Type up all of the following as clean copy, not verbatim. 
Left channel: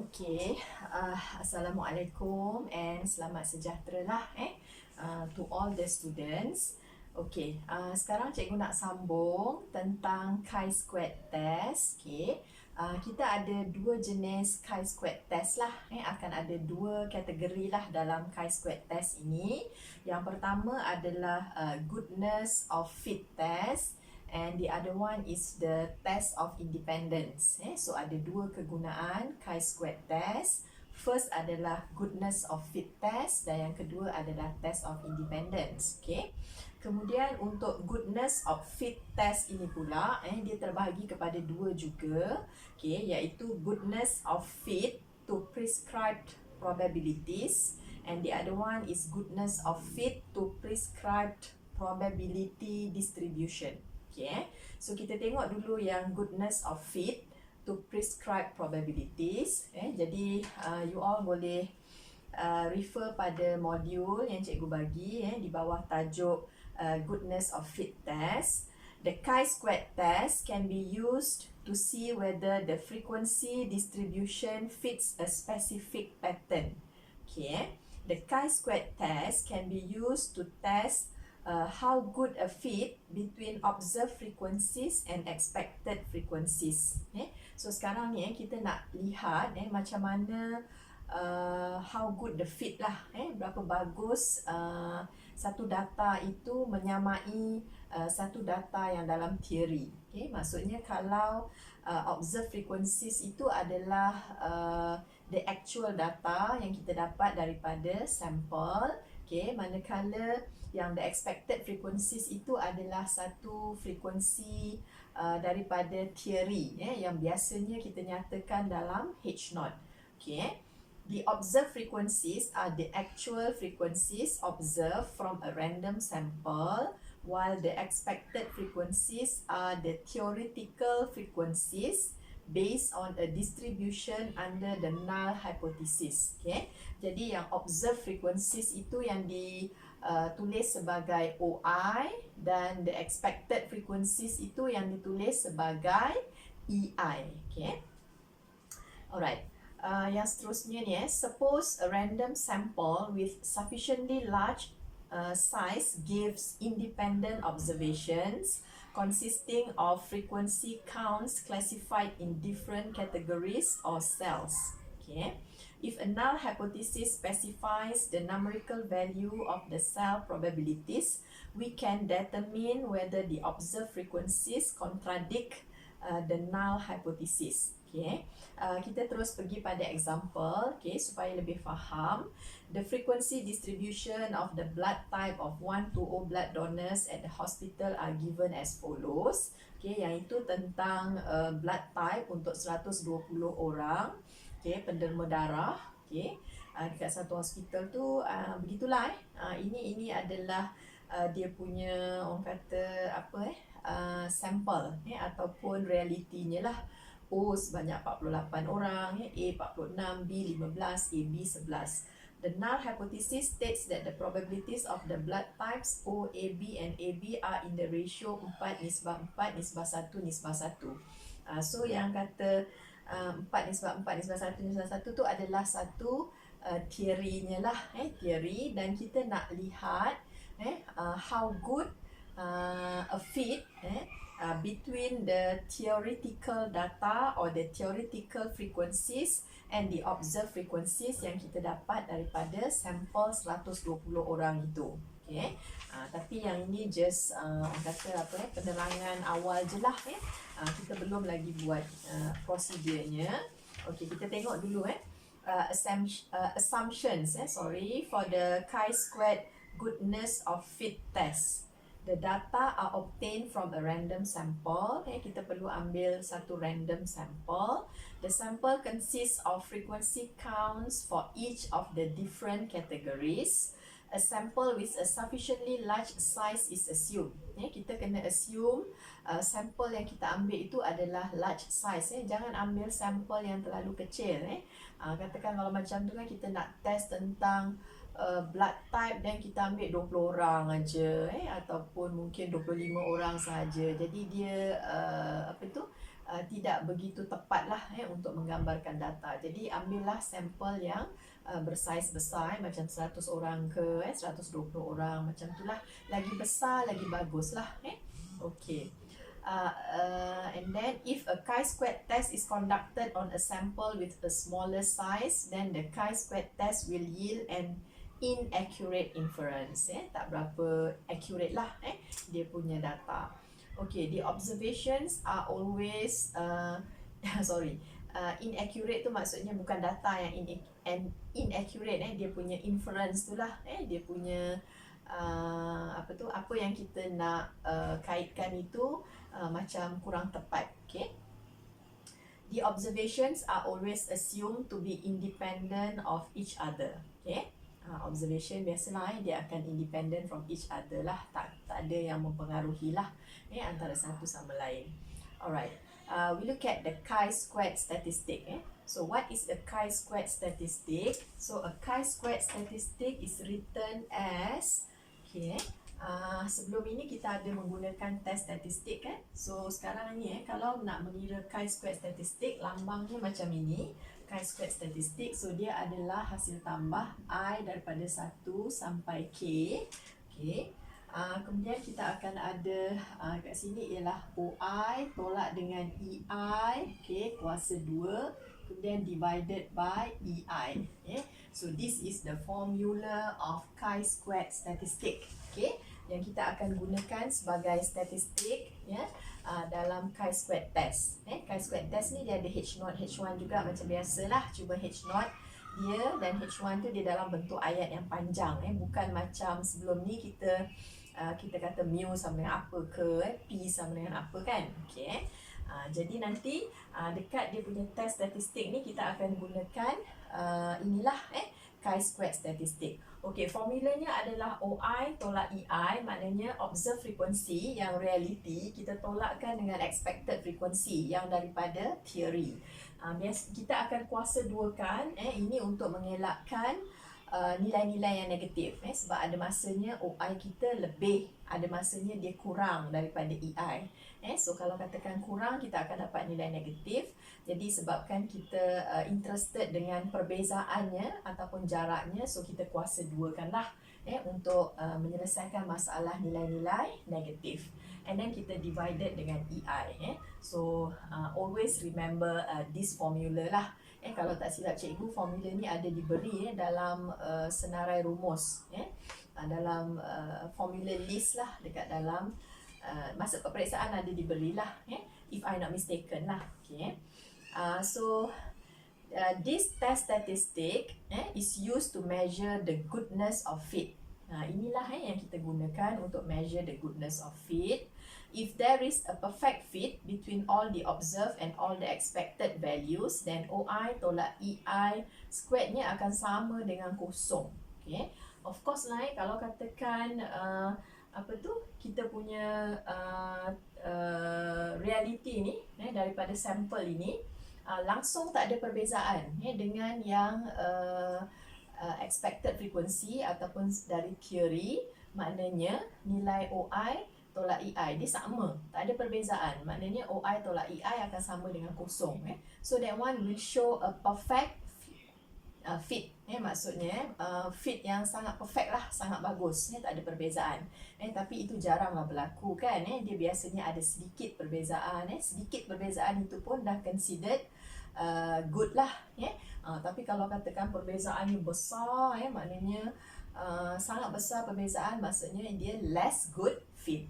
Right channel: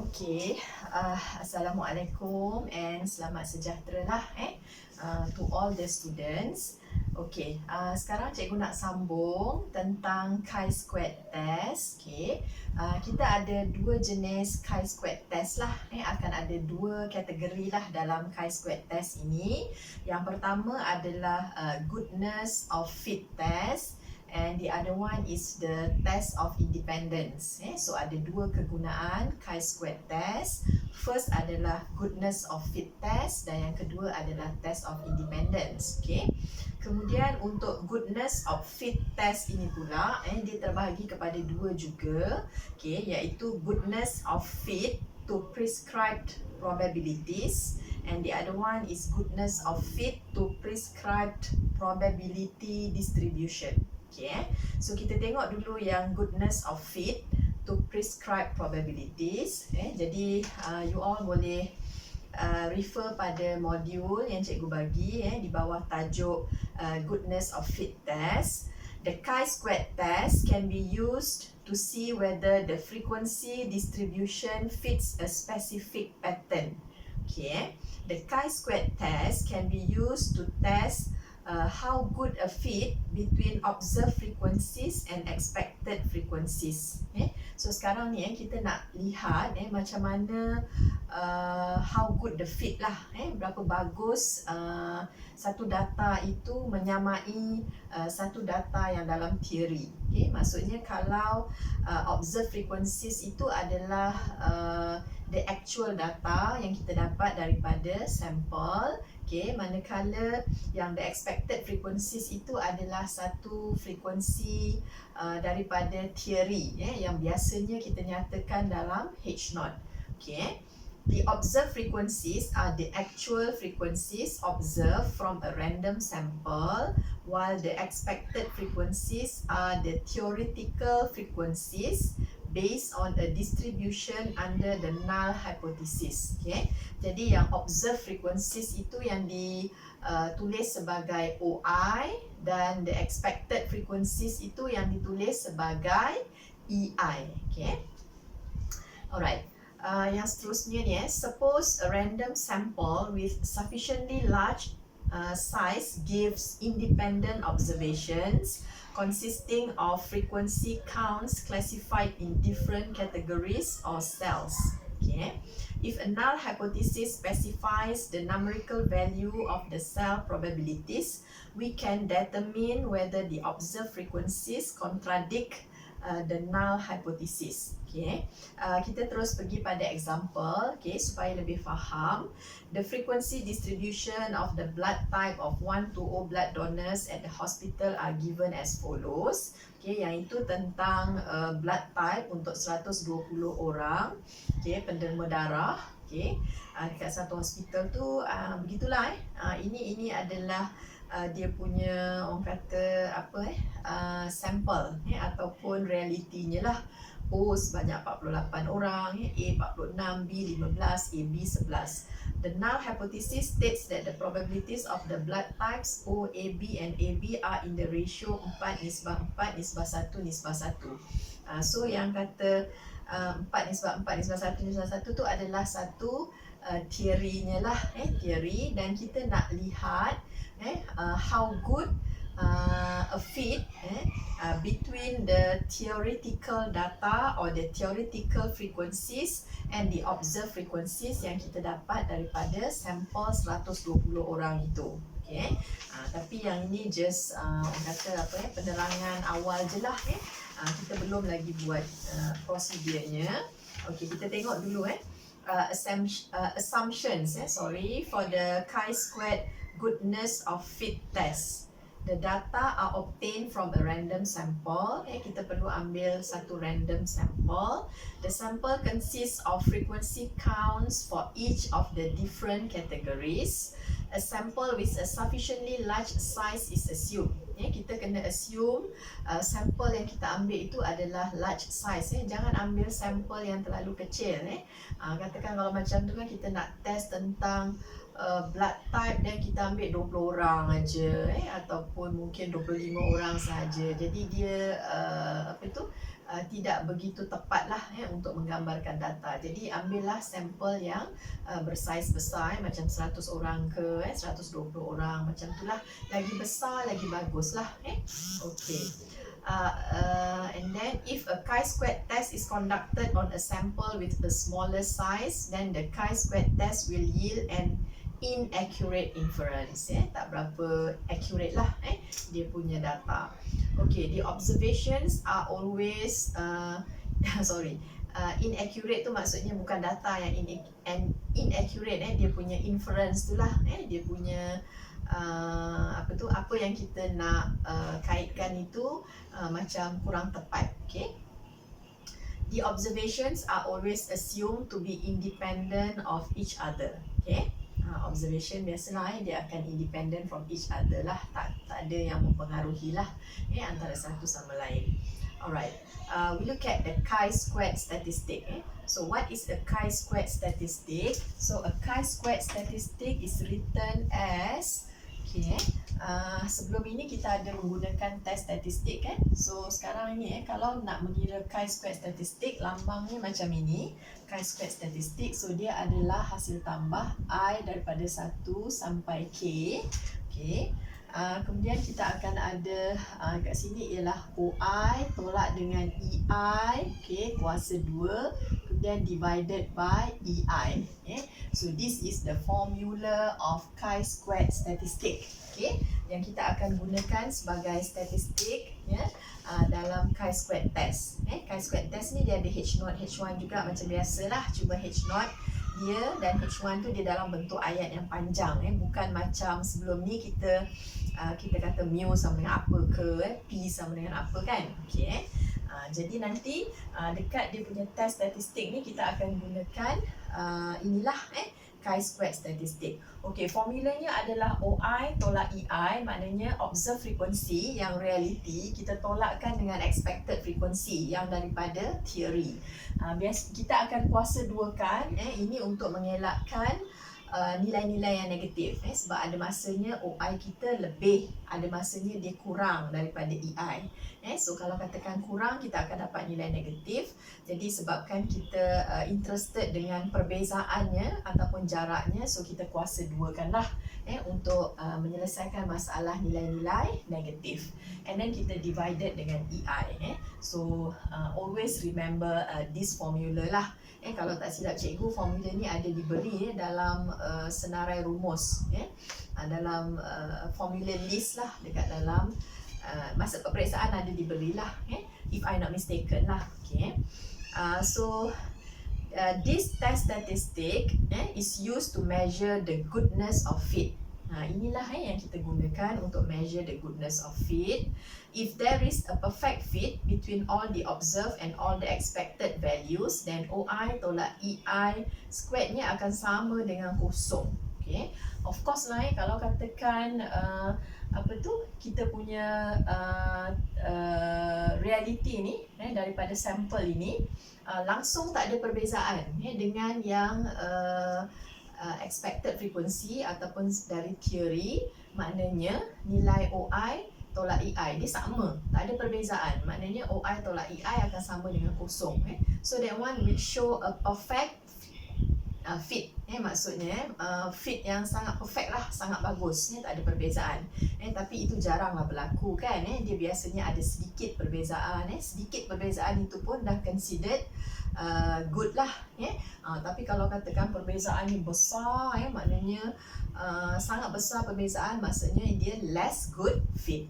Okay, Assalamualaikum and selamat sejahtera lah to all the students. Okay, sekarang cikgu nak sambung tentang chi-squared test. Okay, kita ada dua jenis chi-squared test lah. Akan ada dua kategori lah dalam chi-squared test ini. Yang pertama adalah goodness of fit test. And the other one is the test of independence. So ada dua kegunaan chi-squared test. First adalah goodness of fit test dan yang kedua adalah test of independence. Okay. Kemudian untuk goodness of fit test ini pula, dia terbahagi kepada dua juga. Okay, iaitu goodness of fit to prescribed probabilities. And the other one is goodness of fit to prescribed probability distribution. Okay, so kita tengok dulu yang goodness of fit to prescribed probabilities. Jadi you all boleh refer pada modul yang cikgu bagi di bawah tajuk goodness of fit test. The chi-squared test can be used to see whether the frequency distribution fits a specific pattern. Okay, the chi-squared test can be used to test how good a fit between observed frequencies and expected frequencies. So sekarang ni kita nak lihat macam mana how good the fit lah, berapa bagus satu data itu menyamai satu data yang dalam teori. Maksudnya kalau observed frequencies itu adalah the actual data yang kita dapat daripada sampel. Okay, manakala yang the expected frequencies itu adalah satu frekuensi daripada teori yang biasanya kita nyatakan dalam H0. Okay, the observed frequencies are the actual frequencies observed from a random sample, while the expected frequencies are the theoretical frequencies based on a distribution under the null hypothesis. Okay, jadi yang observed frequencies itu yang ditulis sebagai OI dan the expected frequencies itu yang ditulis sebagai EI. Okay, alright. Yang seterusnya ni suppose a random sample with sufficiently large size gives independent observations consisting of frequency counts classified in different categories or cells. Okay. If a null hypothesis specifies the numerical value of the cell probabilities, we can determine whether the observed frequencies contradict the null hypothesis. Okay. Kita terus pergi pada example, supaya lebih faham. The frequency distribution of the blood type of 1-0 blood donors at the hospital are given as follows. Yang itu tentang blood type untuk 120 orang, penderma darah. Dekat satu hospital tu begitulah. Ini adalah dia punya orang kata sampel ataupun realitinya lah. O sebanyak 48 orang, A 46, B 15, AB 11. The null hypothesis states that the probabilities of the blood types O, AB and AB are in the ratio 4:4:1:1. So yang kata 4:4:1:1 tu adalah satu teorinya lah, teori, dan kita nak lihat how good a fit between the theoretical data or the theoretical frequencies and the observed frequencies yang kita dapat daripada sampel 120 orang itu. Tapi yang ini just orang kata penerangan awal je lah. Kita belum lagi buat prosedurnya. Kita tengok dulu assumptions for the chi-squared goodness of fit test. The data are obtained from a random sample. Kita perlu ambil satu random sample. The sample consists of frequency counts for each of the different categories. A sample with a sufficiently large size is assumed. Kita kena assume sampel yang kita ambil itu adalah large size. Jangan ambil sampel yang terlalu kecil. Katakan kalau macam tu kan kita nak test tentang blood type dan kita ambil 20 orang aja ataupun mungkin 25 orang saja. Jadi dia tidak begitu tepat lah untuk menggambarkan data. Jadi ambillah sampel yang bersaiz besar, macam 100 orang ke 120 orang, macam itulah. Lagi besar lagi bagus lah. Okay. And then if a chi-square test is conducted on a sample with the smaller size, then the chi-square test will yield an inaccurate inference. Tak berapa accurate lah dia punya data. Okay, the observations are always inaccurate tu maksudnya bukan data yang inaccurate, dia punya inference tu lah, dia punya apa yang kita nak kaitkan itu macam kurang tepat. Okay, the observations are always assumed to be independent of each other. Okay, observation biasalah dia akan independent from each other lah, tak ada yang mempengaruhi lah antara satu sama lain. Alright, we look at the chi-squared statistic. So what is a chi-squared statistic? So a chi-squared statistic is written as, sebelum ini kita ada menggunakan test statistik kan. So sekarang ni kalau nak mengira chi-squared statistik, lambangnya macam ini, chi-squared statistik. So dia adalah hasil tambah I daripada 1 sampai K. Okay. Kemudian kita akan ada kat sini ialah OI tolak dengan EI, kuasa 2, kemudian divided by EI. So this is the formula of chi-squared statistic, yang kita akan gunakan sebagai statistik dalam chi-squared test. Chi-squared test ni dia ada H0, H1 juga macam biasalah, cuma H0 dia dan H1 tu dia dalam bentuk ayat yang panjang, bukan macam sebelum ni kita kata mu sama dengan apa ke, P sama dengan apa kan. Jadi nanti dekat dia punya test statistik ni kita akan gunakan inilah chi-squared statistik. Formulanya adalah OI tolak EI, maknanya observed frequency yang reality kita tolakkan dengan expected frequency yang daripada theory. Kita akan kuasa duakan ini untuk mengelakkan nilai-nilai yang negatif, sebab ada masanya OI kita lebih, ada masanya dia kurang daripada EI. So kalau katakan kurang, kita akan dapat nilai negatif. Jadi sebabkan kita interested dengan perbezaannya ataupun jaraknya, so kita kuasa duakanlah untuk menyelesaikan masalah nilai-nilai negatif. And then kita divided dengan EI. So always remember this formula lah. Kalau tak silap cikgu, formula ni ada diberi dalam senarai rumus, dalam formula list lah, dekat dalam masa peperiksaan ada diberilah, if I not mistaken lah. So this test statistic is used to measure the goodness of fit. Inilah yang kita gunakan untuk measure the goodness of fit. If there is a perfect fit between all the observed and all the expected values, then OI tolak EI squared-nya akan sama dengan kosong. Of course lah, kalau katakan kita punya reality ni daripada sampel ini langsung tak ada perbezaan dengan yang expected frequency ataupun dari theory, maknanya nilai OI tolak EI dia sama, tak ada perbezaan, maknanya OI tolak EI akan sama dengan kosong. So that one will show a perfect fit, maksudnya fit yang sangat perfect lah, sangat bagus, tak ada perbezaan. Tapi itu jaranglah berlaku kan, dia biasanya ada sedikit perbezaan, sedikit perbezaan itu pun dah considered good lah. Tapi kalau katakan perbezaan ni besar, maknanya sangat besar perbezaan, maksudnya dia less good fit.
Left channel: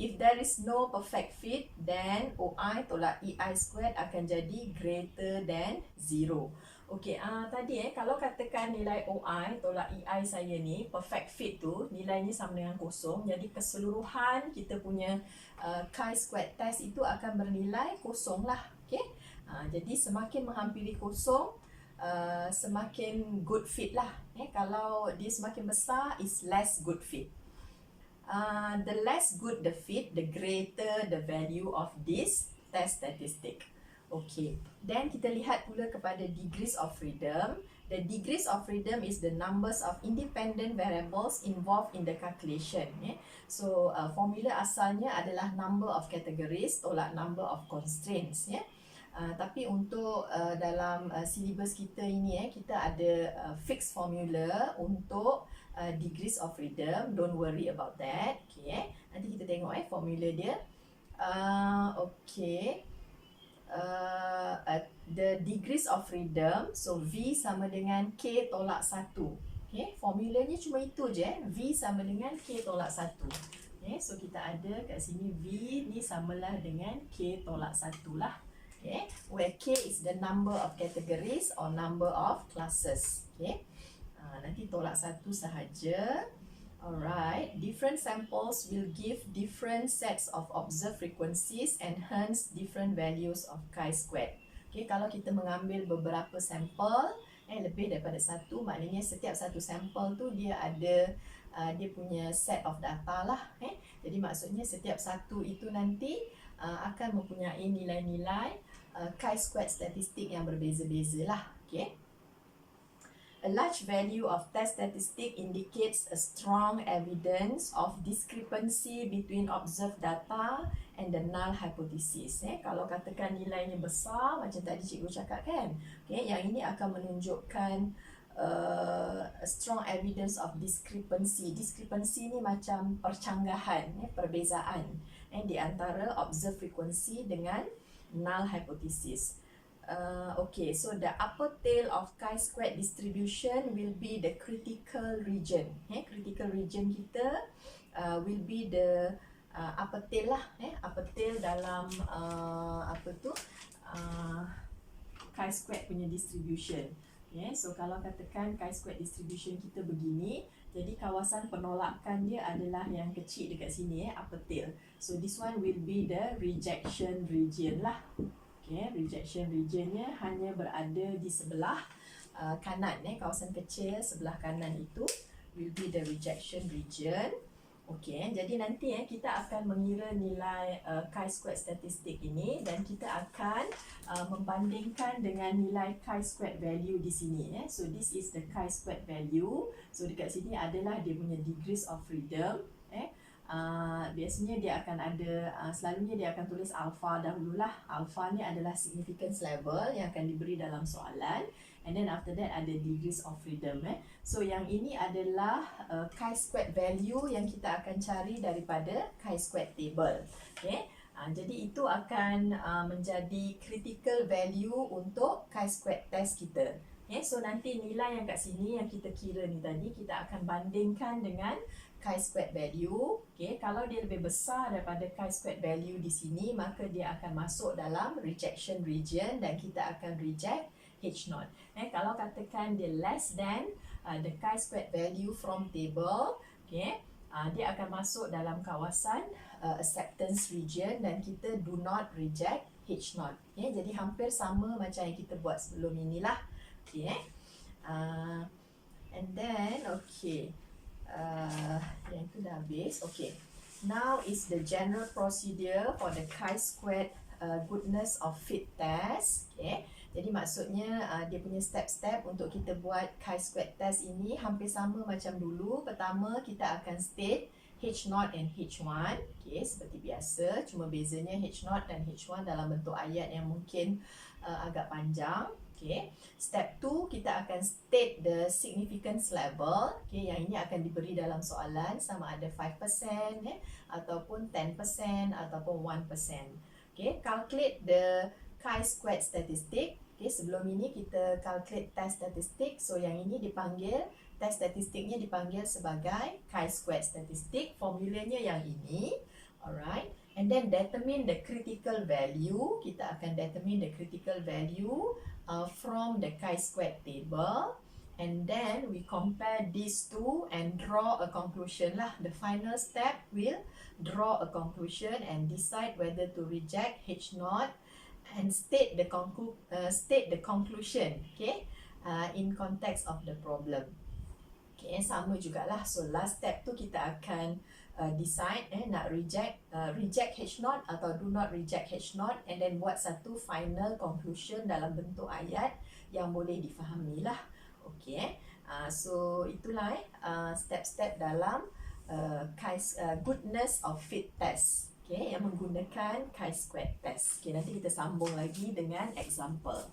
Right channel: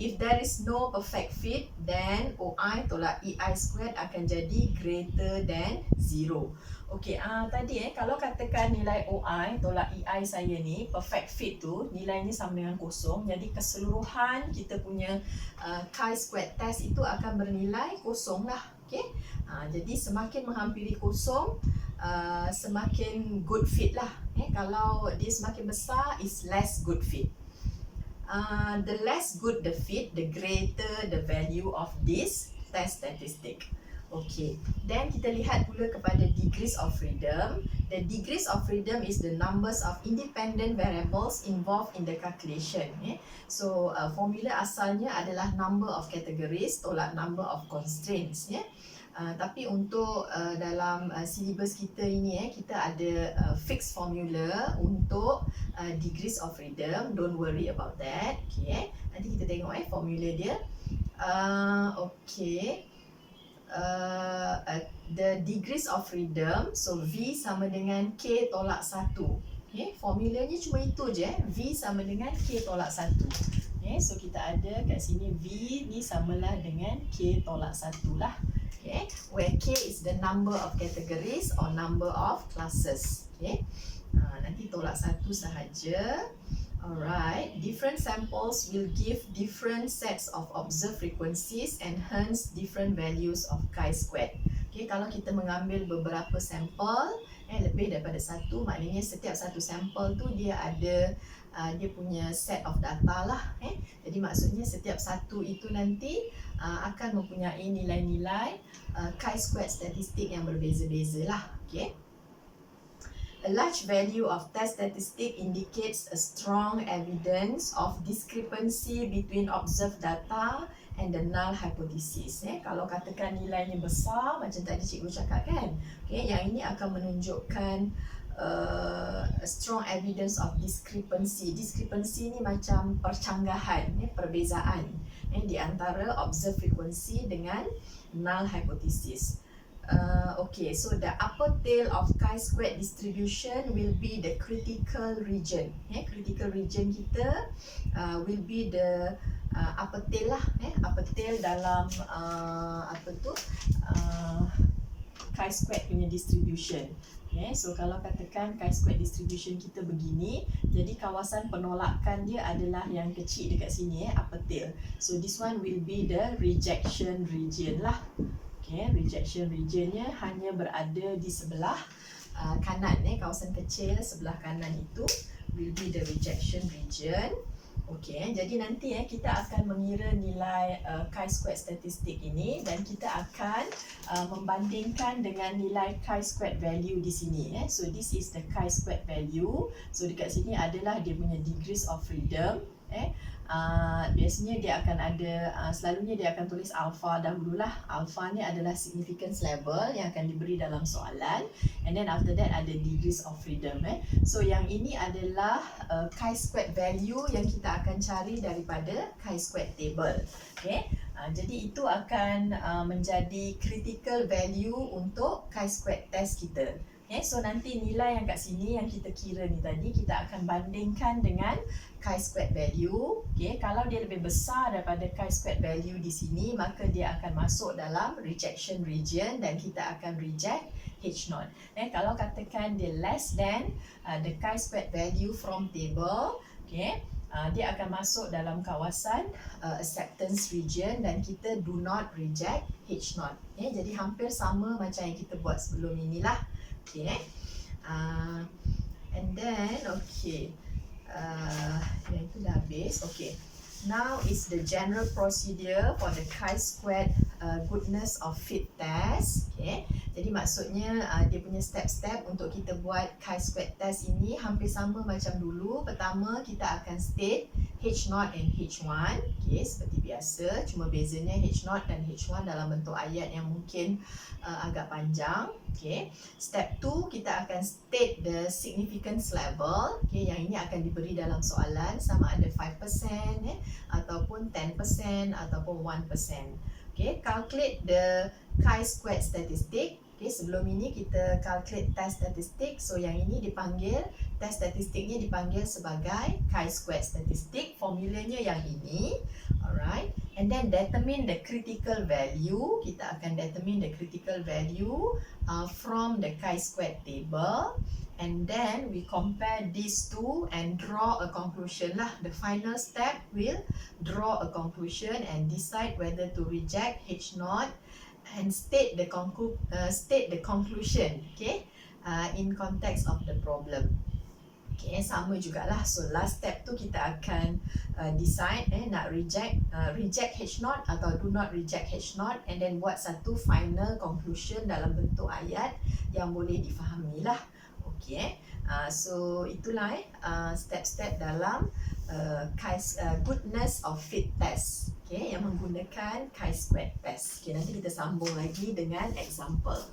If there is no perfect fit, then OI tolak EI squared akan jadi greater than 0. Tadi kalau katakan nilai OI tolak EI saya ni perfect fit tu nilainya sama dengan kosong, jadi keseluruhan kita punya chi-squared test itu akan bernilai kosong lah. Jadi semakin menghampiri kosong, semakin good fit lah. Kalau dia semakin besar, is less good fit. The less good the fit, the greater the value of this test statistic. Okay, then kita lihat pula kepada degrees of freedom. The degrees of freedom is the numbers of independent variables involved in the calculation. So formula asalnya adalah number of categories tolak number of constraints. Tapi untuk dalam syllabus kita ini kita ada fixed formula untuk degrees of freedom. Don't worry about that. Okay, nanti kita tengok formula dia. Okay. The degrees of freedom, so V sama dengan K tolak 1. Okay, formulanya cuma itu je. V sama dengan K tolak 1. Okay, so kita ada kat sini V ni samalah dengan K tolak 1 lah. Okay, where K is the number of categories or number of classes. Okay, nanti tolak 1 sahaja. Alright, different samples will give different sets of observed frequencies and hence different values of chi-squared. Okay, kalau kita mengambil beberapa sampel, lebih daripada satu, maknanya setiap satu sampel tu dia ada dia punya set of data lah. Jadi maksudnya setiap satu itu nanti akan mempunyai nilai-nilai chi-squared statistik yang berbeza-beza lah. Okay. A large value of test statistic indicates a strong evidence of discrepancy between observed data and the null hypothesis. Kalau katakan nilainya besar, macam tadi cikgu cakap kan, yang ini akan menunjukkan a strong evidence of discrepancy. Discrepancy ni macam percanggahan, perbezaan di antara observed frequency dengan null hypothesis. Okay, so the upper tail of chi-squared distribution will be the critical region. Critical region kita will be the upper tail lah. Upper tail dalam chi-squared punya distribution. So kalau katakan chi-squared distribution kita begini, jadi kawasan penolakan dia adalah yang kecil dekat sini, upper tail. So this one will be the rejection region lah. Rejection regionnya hanya berada di sebelah kanan, kawasan kecil sebelah kanan itu will be the rejection region. Okay, jadi nanti kita akan mengira nilai chi-squared statistik ini dan kita akan membandingkan dengan nilai chi-squared value di sini. So this is the chi-squared value. So dekat sini adalah dia punya degrees of freedom. Biasanya dia akan ada, selalunya dia akan tulis alpha dahululah. Alpha ni adalah significance level yang akan diberi dalam soalan, and then after that ada degrees of freedom. So yang ini adalah chi-squared value yang kita akan cari daripada chi-squared table. Jadi itu akan menjadi critical value untuk chi-squared test kita. So nanti nilai yang kat sini yang kita kira ni tadi kita akan bandingkan dengan chi-squared value. Kalau dia lebih besar daripada chi-squared value di sini, maka dia akan masuk dalam rejection region dan kita akan reject H0. Kalau katakan dia less than the chi-squared value from table, dia akan masuk dalam kawasan acceptance region dan kita do not reject H0. Jadi hampir sama macam yang kita buat sebelum inilah. And then yang itu dah habis. Now is the general procedure for the chi-squared goodness of fit test. Jadi maksudnya dia punya step-step untuk kita buat chi-squared test ini hampir sama macam dulu. Pertama kita akan state H0 and H1. Seperti biasa, cuma bezanya H0 dan H1 dalam bentuk ayat yang mungkin agak panjang. Step 2 kita akan state the significance level. Yang ini akan diberi dalam soalan sama ada 5% ataupun 10% ataupun 1%. Calculate the chi-squared statistic. Sebelum ini kita calculate test statistik. So yang ini dipanggil, test statistiknya dipanggil sebagai chi-squared statistik. Formulanya yang ini. Alright. And then determine the critical value. Kita akan determine the critical value from the chi-squared table. And then we compare these two and draw a conclusion lah. The final step will draw a conclusion and decide whether to reject H0 and state the conclusion in context of the problem. Okay, sama jugalah. So last step tu kita akan decide nak reject H naught atau do not reject H naught, and then buat satu final conclusion dalam bentuk ayat yang boleh difahami lah. Okay, so itulah step-step dalam goodness of fit test, okay, yang menggunakan chi-square test. Okay, nanti kita sambung lagi dengan example.